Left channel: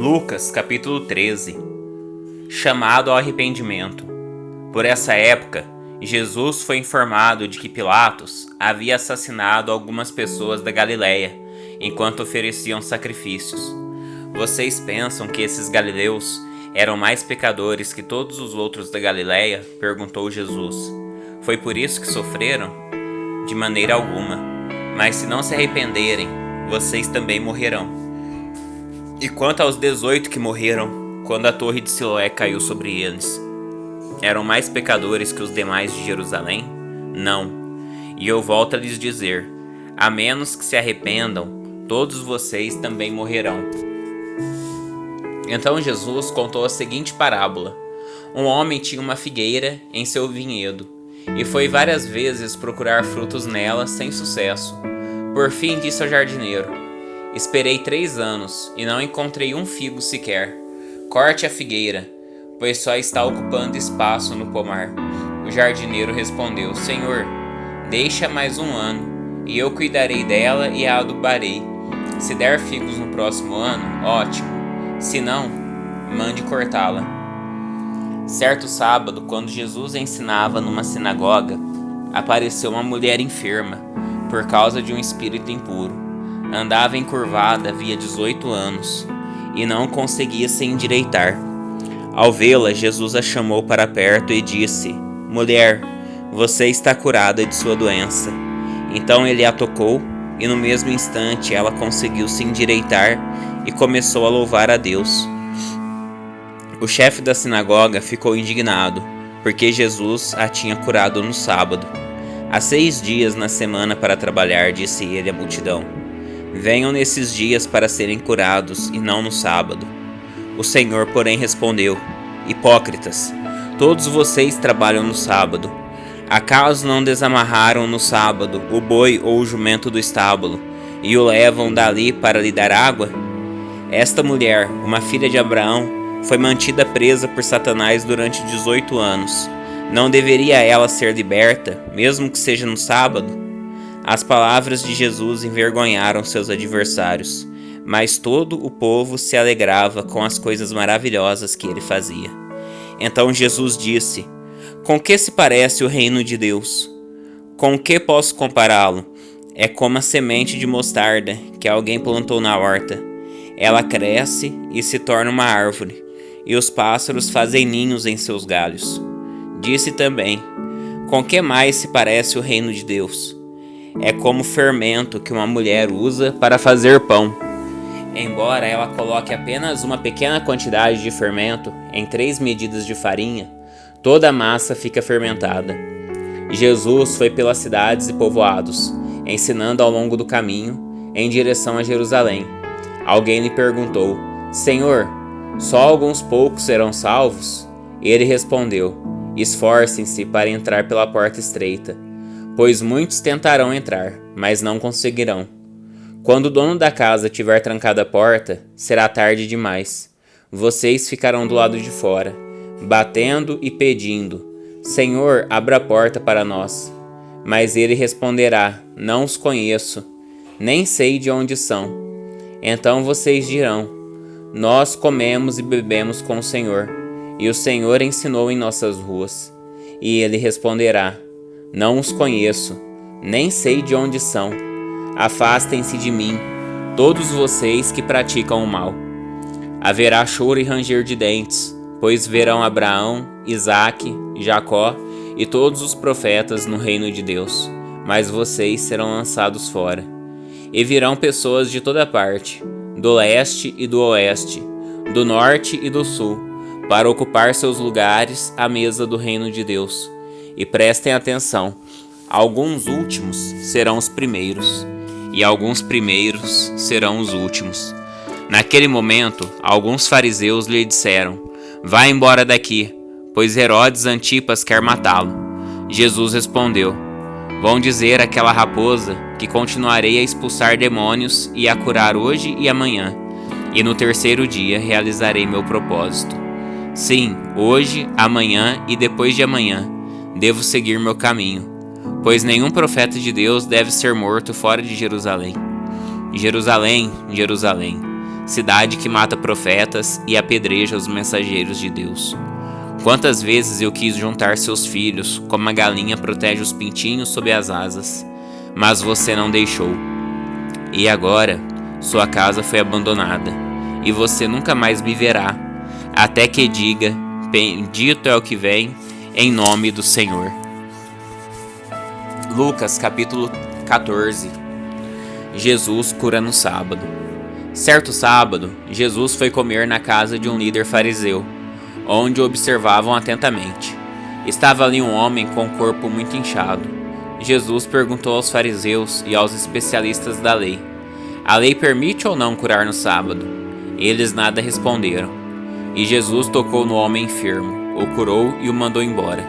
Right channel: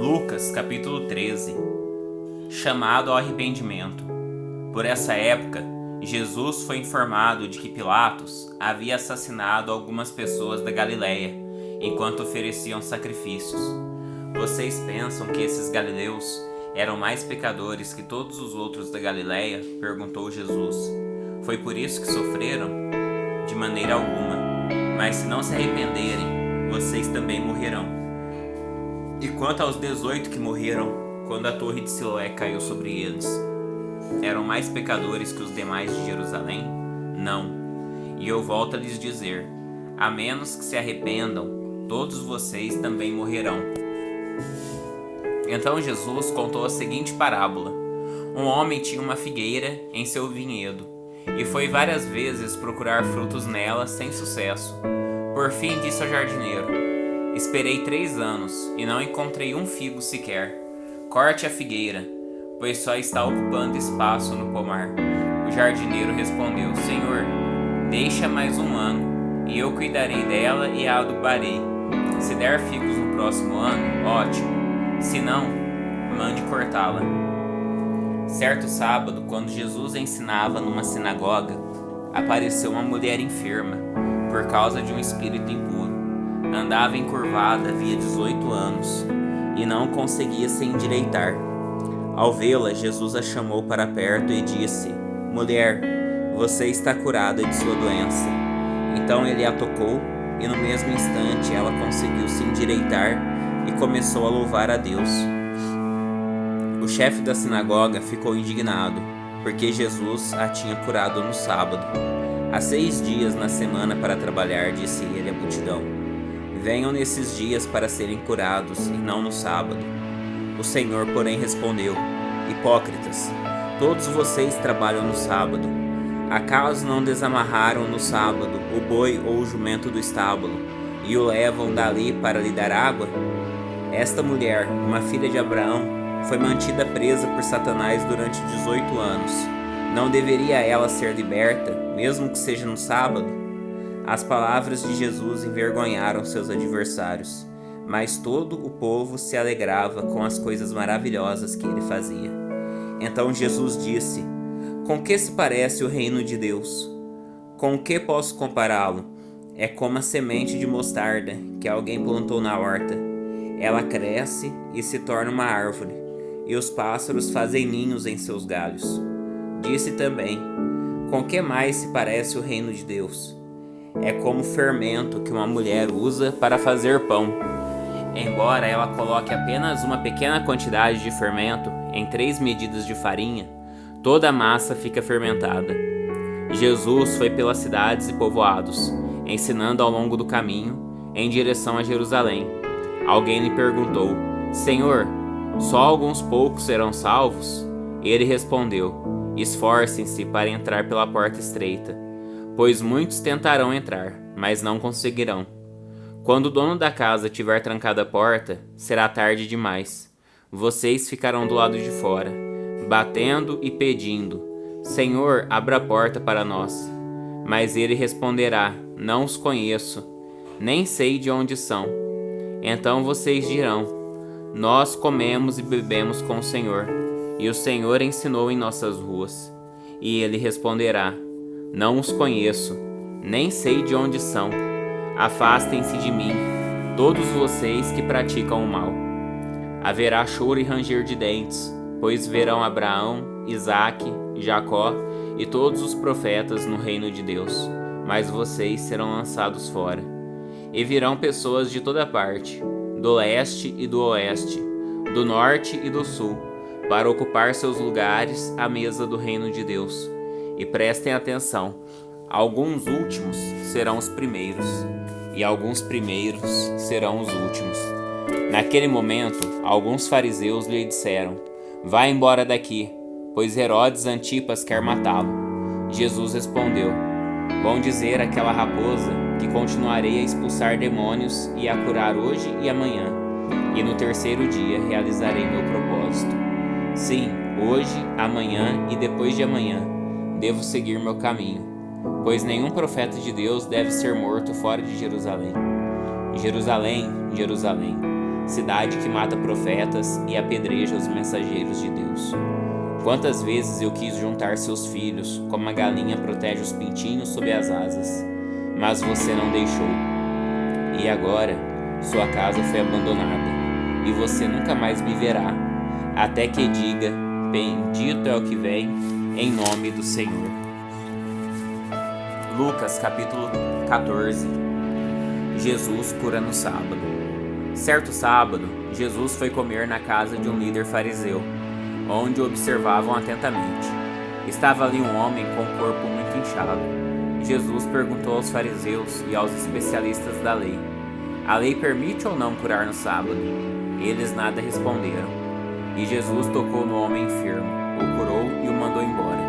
Lucas, capítulo 13. Chamado ao arrependimento. Por essa época, Jesus foi informado de que Pilatos havia assassinado algumas pessoas da Galileia, enquanto ofereciam sacrifícios. Vocês pensam que esses galileus eram mais pecadores que todos os outros da Galileia? Perguntou Jesus. Foi por isso que sofreram? De maneira alguma. Mas se não se arrependerem, vocês também morrerão. E quanto aos 18 que morreram, quando a torre de Siloé caiu sobre eles, eram mais pecadores que os demais de Jerusalém? Não. E eu volto a lhes dizer, a menos que se arrependam, todos vocês também morrerão. Então Jesus contou a seguinte parábola. Um homem tinha uma figueira em seu vinhedo, e foi várias vezes procurar frutos nela sem sucesso. Por fim disse ao jardineiro, esperei 3 anos e não encontrei um figo sequer. Corte a figueira, pois só está ocupando espaço no pomar. O jardineiro respondeu, Senhor, deixa mais 1 ano, e eu cuidarei dela e a adubarei. Se der figos no próximo ano, ótimo. Se não, mande cortá-la. Certo sábado, quando Jesus ensinava numa sinagoga, apareceu uma mulher enferma, por causa de um espírito impuro. Andava encurvada havia 18 anos, e não conseguia se endireitar. Ao vê-la, Jesus a chamou para perto e disse, Mulher, você está curada de sua doença. Então ele a tocou, e no mesmo instante ela conseguiu se endireitar e começou a louvar a Deus. O chefe da sinagoga ficou indignado, porque Jesus a tinha curado no sábado. Há 6 dias na semana para trabalhar, disse ele à multidão. Venham nesses dias para serem curados, e não no sábado. O Senhor, porém, respondeu, Hipócritas, todos vocês trabalham no sábado. Acaso não desamarraram no sábado o boi ou o jumento do estábulo, e o levam dali para lhe dar água? Esta mulher, uma filha de Abraão, foi mantida presa por Satanás durante 18 anos. Não deveria ela ser liberta, mesmo que seja no sábado? As palavras de Jesus envergonharam seus adversários, mas todo o povo se alegrava com as coisas maravilhosas que ele fazia. Então Jesus disse, Com que se parece o reino de Deus? Com o que posso compará-lo? É como a semente de mostarda que alguém plantou na horta. Ela cresce e se torna uma árvore, e os pássaros fazem ninhos em seus galhos. Disse também, Com que mais se parece o reino de Deus? É como o fermento que uma mulher usa para fazer pão. Embora ela coloque apenas uma pequena quantidade de fermento em 3 medidas de farinha, toda a massa fica fermentada. Jesus foi pelas cidades e povoados, ensinando ao longo do caminho, em direção a Jerusalém. Alguém lhe perguntou, Senhor, só alguns poucos serão salvos? Ele respondeu, Esforcem-se para entrar pela porta estreita, pois muitos tentarão entrar, mas não conseguirão. Quando o dono da casa tiver trancado a porta, será tarde demais. Vocês ficarão do lado de fora, batendo e pedindo, Senhor, abra a porta para nós. Mas ele responderá, não os conheço, nem sei de onde são. Então vocês dirão, nós comemos e bebemos com o Senhor, e o Senhor ensinou em nossas ruas. E ele responderá, não os conheço, nem sei de onde são. Afastem-se de mim, todos vocês que praticam o mal. Haverá choro e ranger de dentes, pois verão Abraão, Isaque, Jacó e todos os profetas no reino de Deus, mas vocês serão lançados fora. E virão pessoas de toda parte, do leste e do oeste, do norte e do sul, para ocupar seus lugares à mesa do reino de Deus. E prestem atenção, alguns últimos serão os primeiros, e alguns primeiros serão os últimos. Naquele momento, alguns fariseus lhe disseram, Vá embora daqui, pois Herodes Antipas quer matá-lo. Jesus respondeu, Vão dizer àquela raposa que continuarei a expulsar demônios e a curar hoje e amanhã, e no 3º dia realizarei meu propósito. Sim, hoje, amanhã e depois de amanhã, devo seguir meu caminho, pois nenhum profeta de Deus deve ser morto fora de Jerusalém. Jerusalém, Jerusalém, cidade que mata profetas e apedreja os mensageiros de Deus. Quantas vezes eu quis juntar seus filhos, como a galinha protege os pintinhos sob as asas, mas você não deixou. E agora, sua casa foi abandonada, e você nunca mais me verá, até que diga: bendito é o que vem, em nome do Senhor. Lucas capítulo 14. Jesus cura no sábado. Certo sábado, Jesus foi comer na casa de um líder fariseu, onde o observavam atentamente. Estava ali um homem com o corpo muito inchado. Jesus perguntou aos fariseus e aos especialistas da lei: a lei permite ou não curar no sábado? Eles nada responderam. E Jesus tocou no homem enfermo, o curou e o mandou embora.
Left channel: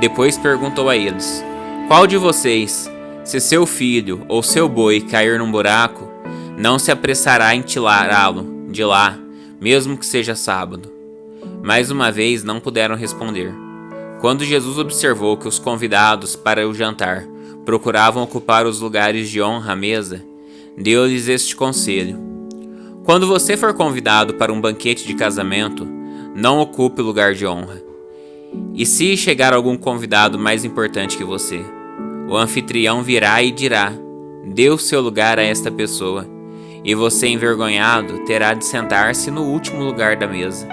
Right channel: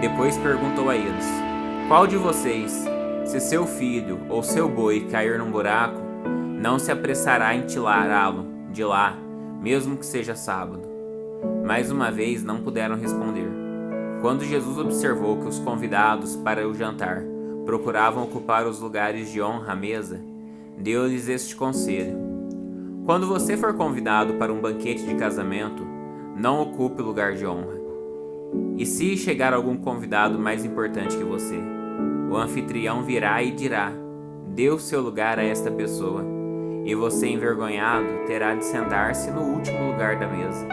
Depois perguntou a eles: qual de vocês, se seu filho ou seu boi cair num buraco, não se apressará em tirá-lo de lá, mesmo que seja sábado? Mais uma vez não puderam responder. Quando Jesus observou que os convidados para o jantar procuravam ocupar os lugares de honra à mesa, deu-lhes este conselho: quando você for convidado para um banquete de casamento, não ocupe o lugar de honra. E se chegar algum convidado mais importante que você, o anfitrião virá e dirá: dê o seu lugar a esta pessoa, e você, envergonhado, terá de sentar-se no último lugar da mesa.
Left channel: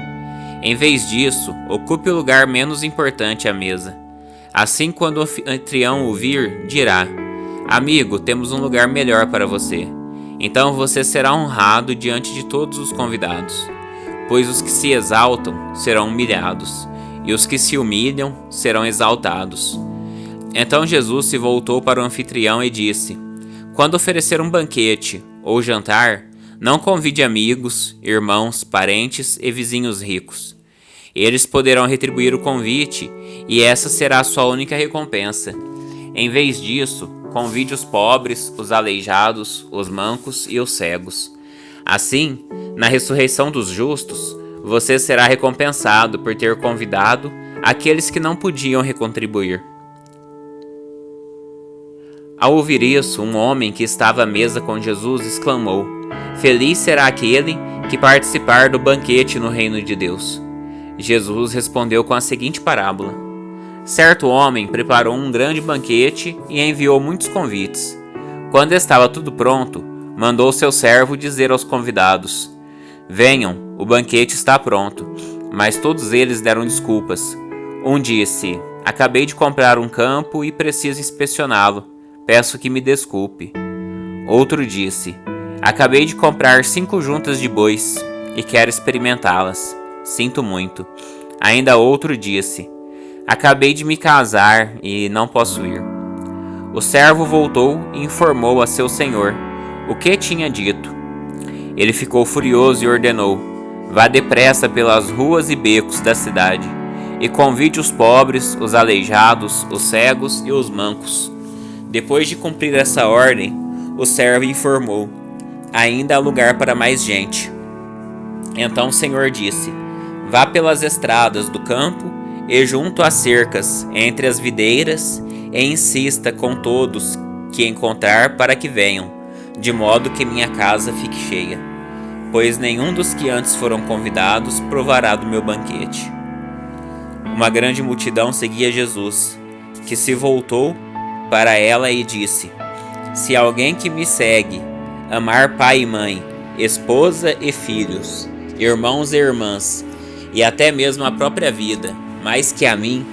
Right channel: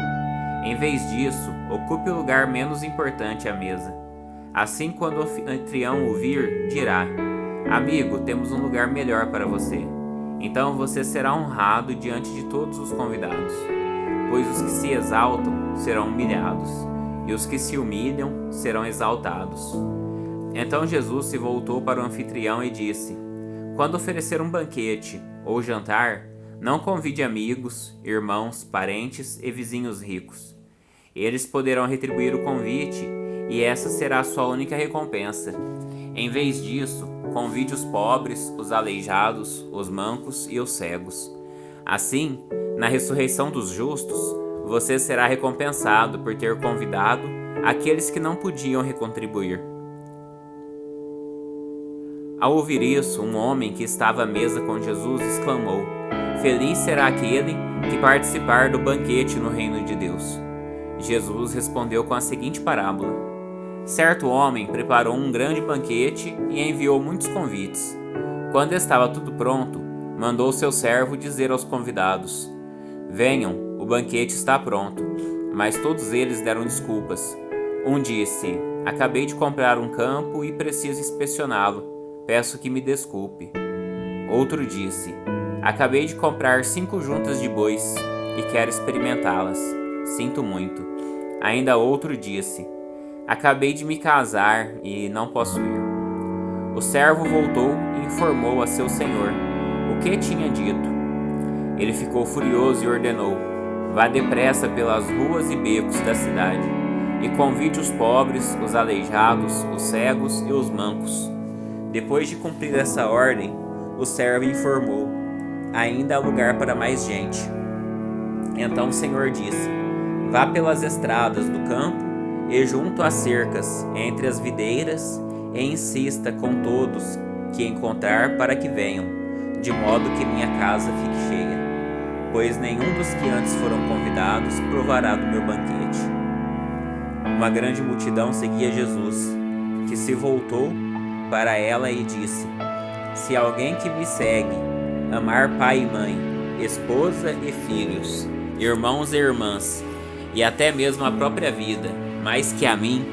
Em vez disso, ocupe o lugar menos importante à mesa. Assim, quando o anfitrião o vir, dirá: amigo, temos um lugar melhor para você. Então você será honrado diante de todos os convidados, pois os que se exaltam serão humilhados, e os que se humilham serão exaltados. Então Jesus se voltou para o anfitrião e disse: quando oferecer um banquete ou jantar, não convide amigos, irmãos, parentes e vizinhos ricos. Eles poderão retribuir o convite, e essa será a sua única recompensa. Em vez disso, convide os pobres, os aleijados, os mancos e os cegos. Assim, na ressurreição dos justos, você será recompensado por ter convidado aqueles que não podiam recontribuir. Ao ouvir isso, um homem que estava à mesa com Jesus exclamou: feliz será aquele que participar do banquete no reino de Deus. Jesus respondeu com a seguinte parábola: certo homem preparou um grande banquete e enviou muitos convites. Quando estava tudo pronto, mandou seu servo dizer aos convidados: venham, o banquete está pronto. Mas todos eles deram desculpas. Um disse: acabei de comprar um campo e preciso inspecioná-lo. Peço que me desculpe. Outro disse: acabei de comprar 5 juntas de bois e quero experimentá-las. Sinto muito. Ainda outro disse: acabei de me casar e não posso ir. O servo voltou e informou a seu senhor o que tinha dito. Ele ficou furioso e ordenou: vá depressa pelas ruas e becos da cidade e convide os pobres, os aleijados, os cegos e os mancos. Depois de cumprir essa ordem, o servo informou: ainda há lugar para mais gente. Então o Senhor disse: vá pelas estradas do campo e junto às cercas, entre as videiras, e insista com todos que encontrar para que venham, de modo que minha casa fique cheia. Pois nenhum dos que antes foram convidados provará do meu banquete. Uma grande multidão seguia Jesus, que se voltou para ela e disse: se alguém que me segue amar pai e mãe, esposa e filhos, irmãos e irmãs, e até mesmo a própria vida, mais que a mim,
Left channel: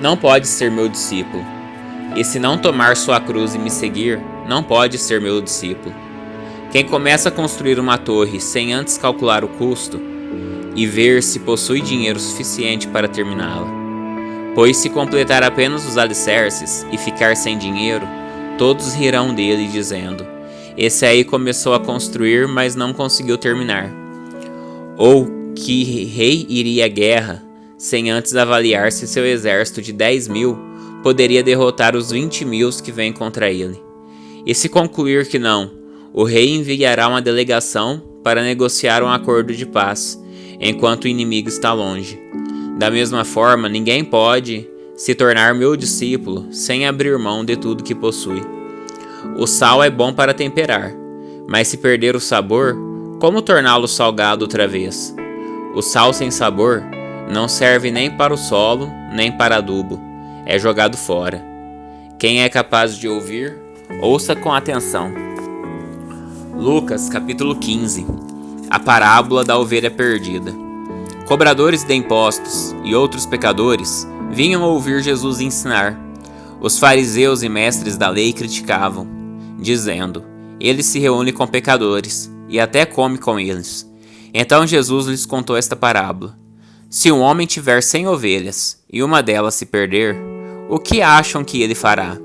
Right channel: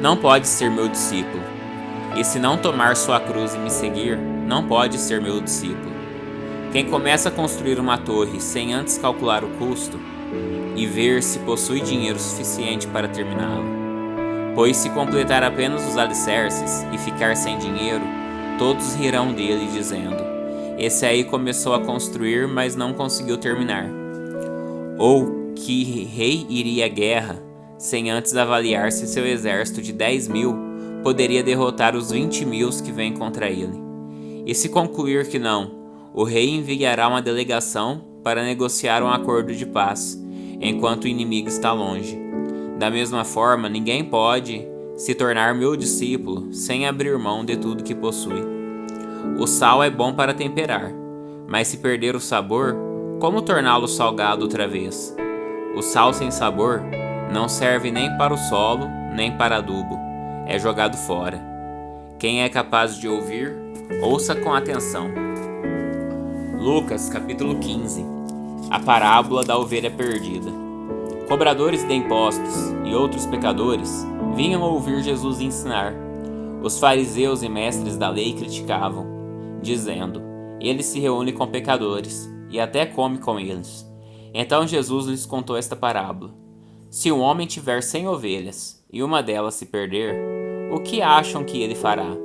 não pode ser meu discípulo. E se não tomar sua cruz e me seguir, não pode ser meu discípulo. Quem começa a construir uma torre sem antes calcular o custo e ver se possui dinheiro suficiente para terminá-la, pois se completar apenas os alicerces e ficar sem dinheiro, todos rirão dele dizendo: esse aí começou a construir, mas não conseguiu terminar. Ou que rei iria à guerra sem antes avaliar se seu exército de 10.000 poderia derrotar os 20.000 que vêm contra ele. E se concluir que não, o rei enviará uma delegação para negociar um acordo de paz, enquanto o inimigo está longe. Da mesma forma, ninguém pode se tornar meu discípulo sem abrir mão de tudo que possui. O sal é bom para temperar, mas se perder o sabor, Como torná-lo salgado outra vez? O sal sem sabor não serve nem para o solo, nem para adubo. É jogado fora. Quem é capaz de ouvir, ouça com atenção. Lucas, capítulo 15. A parábola da ovelha perdida. Cobradores de impostos e outros pecadores vinham ouvir Jesus ensinar. Os fariseus e mestres da lei criticavam, dizendo: ele se reúne com pecadores e até come com eles. Então Jesus lhes contou esta parábola. Se um homem tiver 100 ovelhas e uma delas se perder, o que acham que ele fará?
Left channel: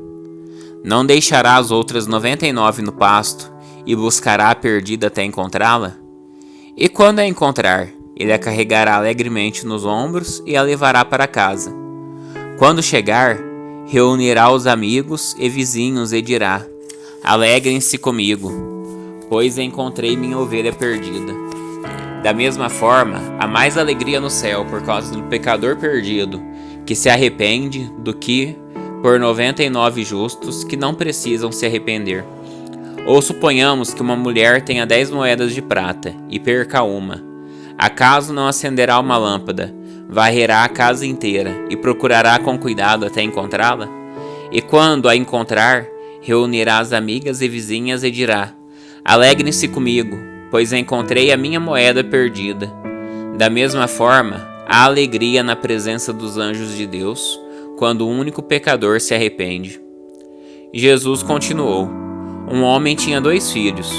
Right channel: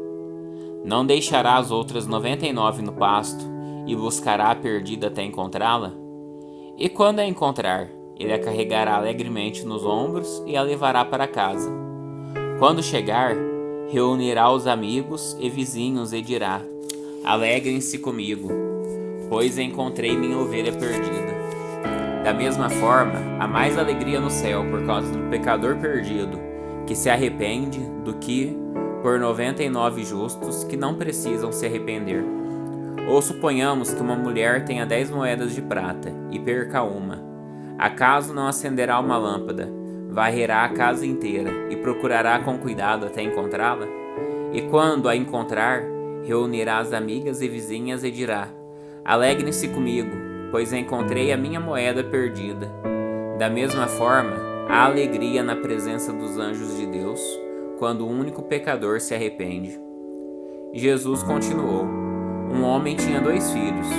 Não deixará as outras 99 no pasto e buscará a perdida até encontrá-la? E quando a encontrar, ele a carregará alegremente nos ombros e a levará para casa. Quando chegar, reunirá os amigos e vizinhos e dirá: alegrem-se comigo, pois encontrei minha ovelha perdida. Da mesma forma, há mais alegria no céu por causa do pecador perdido, que se arrepende, do que por 99 justos que não precisam se arrepender. Ou suponhamos que uma mulher tenha 10 moedas de prata e perca uma. Acaso não acenderá uma lâmpada, varrerá a casa inteira e procurará com cuidado até encontrá-la? E quando a encontrar, reunirá as amigas e vizinhas e dirá: alegrem-se comigo, pois encontrei a minha moeda perdida. Da mesma forma, há alegria na presença dos anjos de Deus, quando o único pecador se arrepende. Jesus continuou: um homem tinha 2 filhos.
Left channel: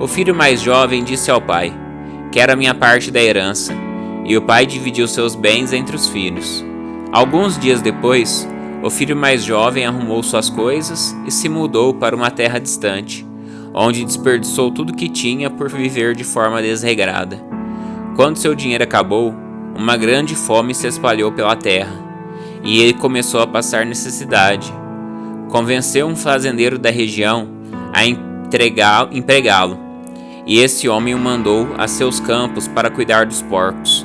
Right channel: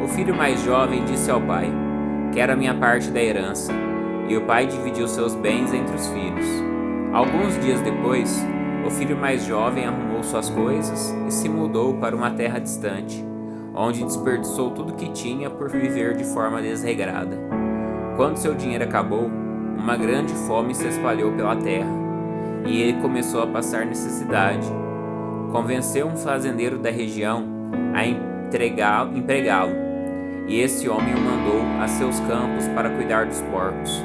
O filho mais jovem disse ao pai: quero a minha parte da herança. E o pai dividiu seus bens entre os filhos. Alguns dias depois, o filho mais jovem arrumou suas coisas e se mudou para uma terra distante, onde desperdiçou tudo que tinha por viver de forma desregrada. Quando seu dinheiro acabou, uma grande fome se espalhou pela terra, e ele começou a passar necessidade. Convenceu um fazendeiro da região a empregá-lo, e esse homem o mandou a seus campos para cuidar dos porcos.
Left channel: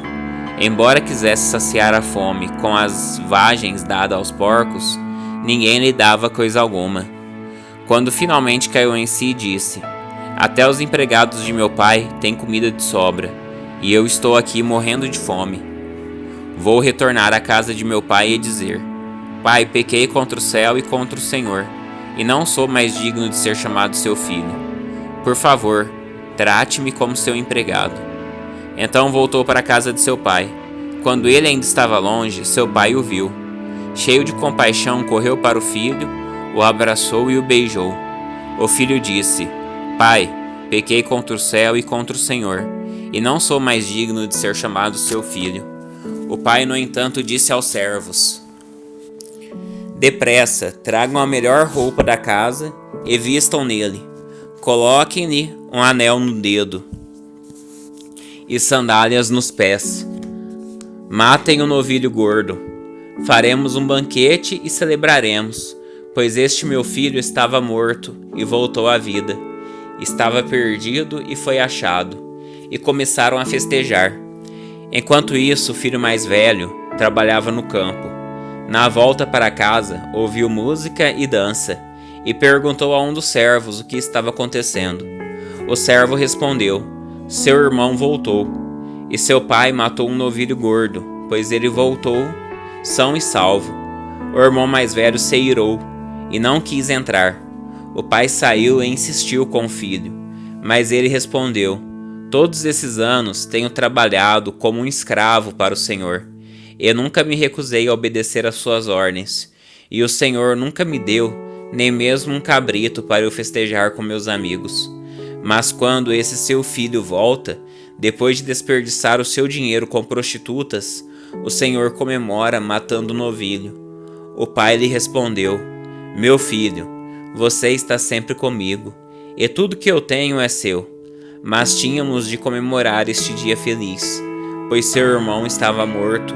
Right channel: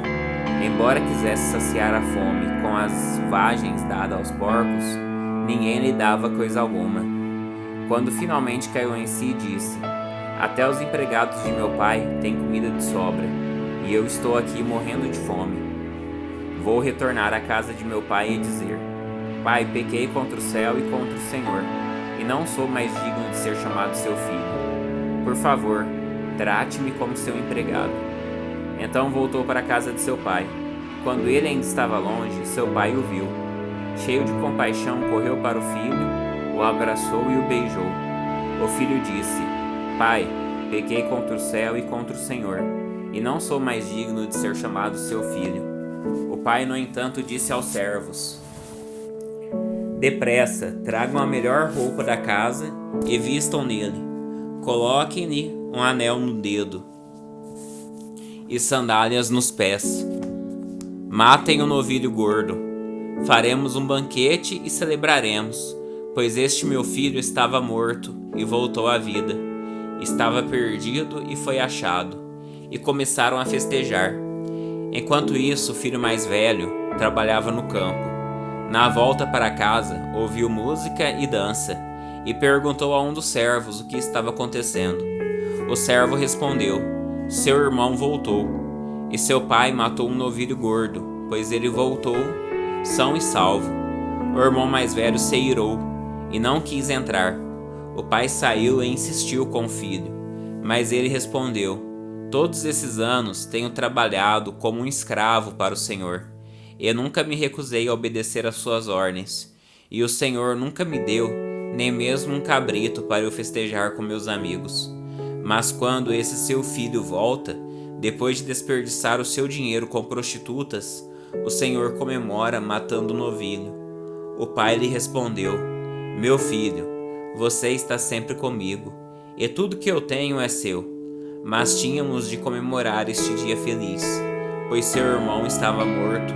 Embora quisesse saciar a fome com as vagens dadas aos porcos, ninguém lhe dava coisa alguma. Quando finalmente caiu em si, disse: até os empregados de meu pai têm comida de sobra, e eu estou aqui morrendo de fome. Vou retornar à casa de meu pai e dizer: pai, pequei contra o céu e contra o Senhor, e não sou mais digno de ser chamado seu filho. Por favor, trate-me como seu empregado. Então voltou para a casa de seu pai. Quando ele ainda estava longe, seu pai o viu. Cheio de compaixão, correu para o filho, o abraçou e o beijou. O filho disse: pai, pequei contra o céu e contra o Senhor, e não sou mais digno de ser chamado seu filho. O pai, no entanto, disse aos servos: depressa, tragam a melhor roupa da casa e vistam nele. Coloquem-lhe um anel no dedo e sandálias nos pés. Matem o novilho gordo. Faremos um banquete e celebraremos, pois este meu filho estava morto e voltou à vida. Estava perdido e foi achado. E começaram a festejar. Enquanto isso, o filho mais velho trabalhava no campo. Na volta para casa, ouviu música e dança, e perguntou a um dos servos o que estava acontecendo. O servo respondeu: seu irmão voltou, e seu pai matou um novilho gordo, pois ele voltou são e salvo. O irmão mais velho se irou e não quis entrar. O pai saiu e insistiu com o filho, mas ele respondeu: todos esses anos tenho trabalhado como um escravo para o Senhor. Eu nunca me recusei a obedecer às suas ordens, e o Senhor nunca me deu nem mesmo um cabrito para eu festejar com meus amigos. Mas quando esse seu filho volta, depois de desperdiçar o seu dinheiro com prostitutas, o Senhor comemora matando o novilho. O pai lhe respondeu: meu filho, você está sempre comigo, e tudo que eu tenho é seu. Mas tínhamos de comemorar este dia feliz, pois seu irmão estava morto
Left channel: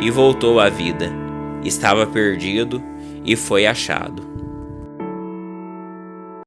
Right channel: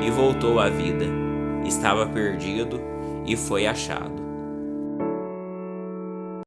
e voltou à vida. Estava perdido e foi achado.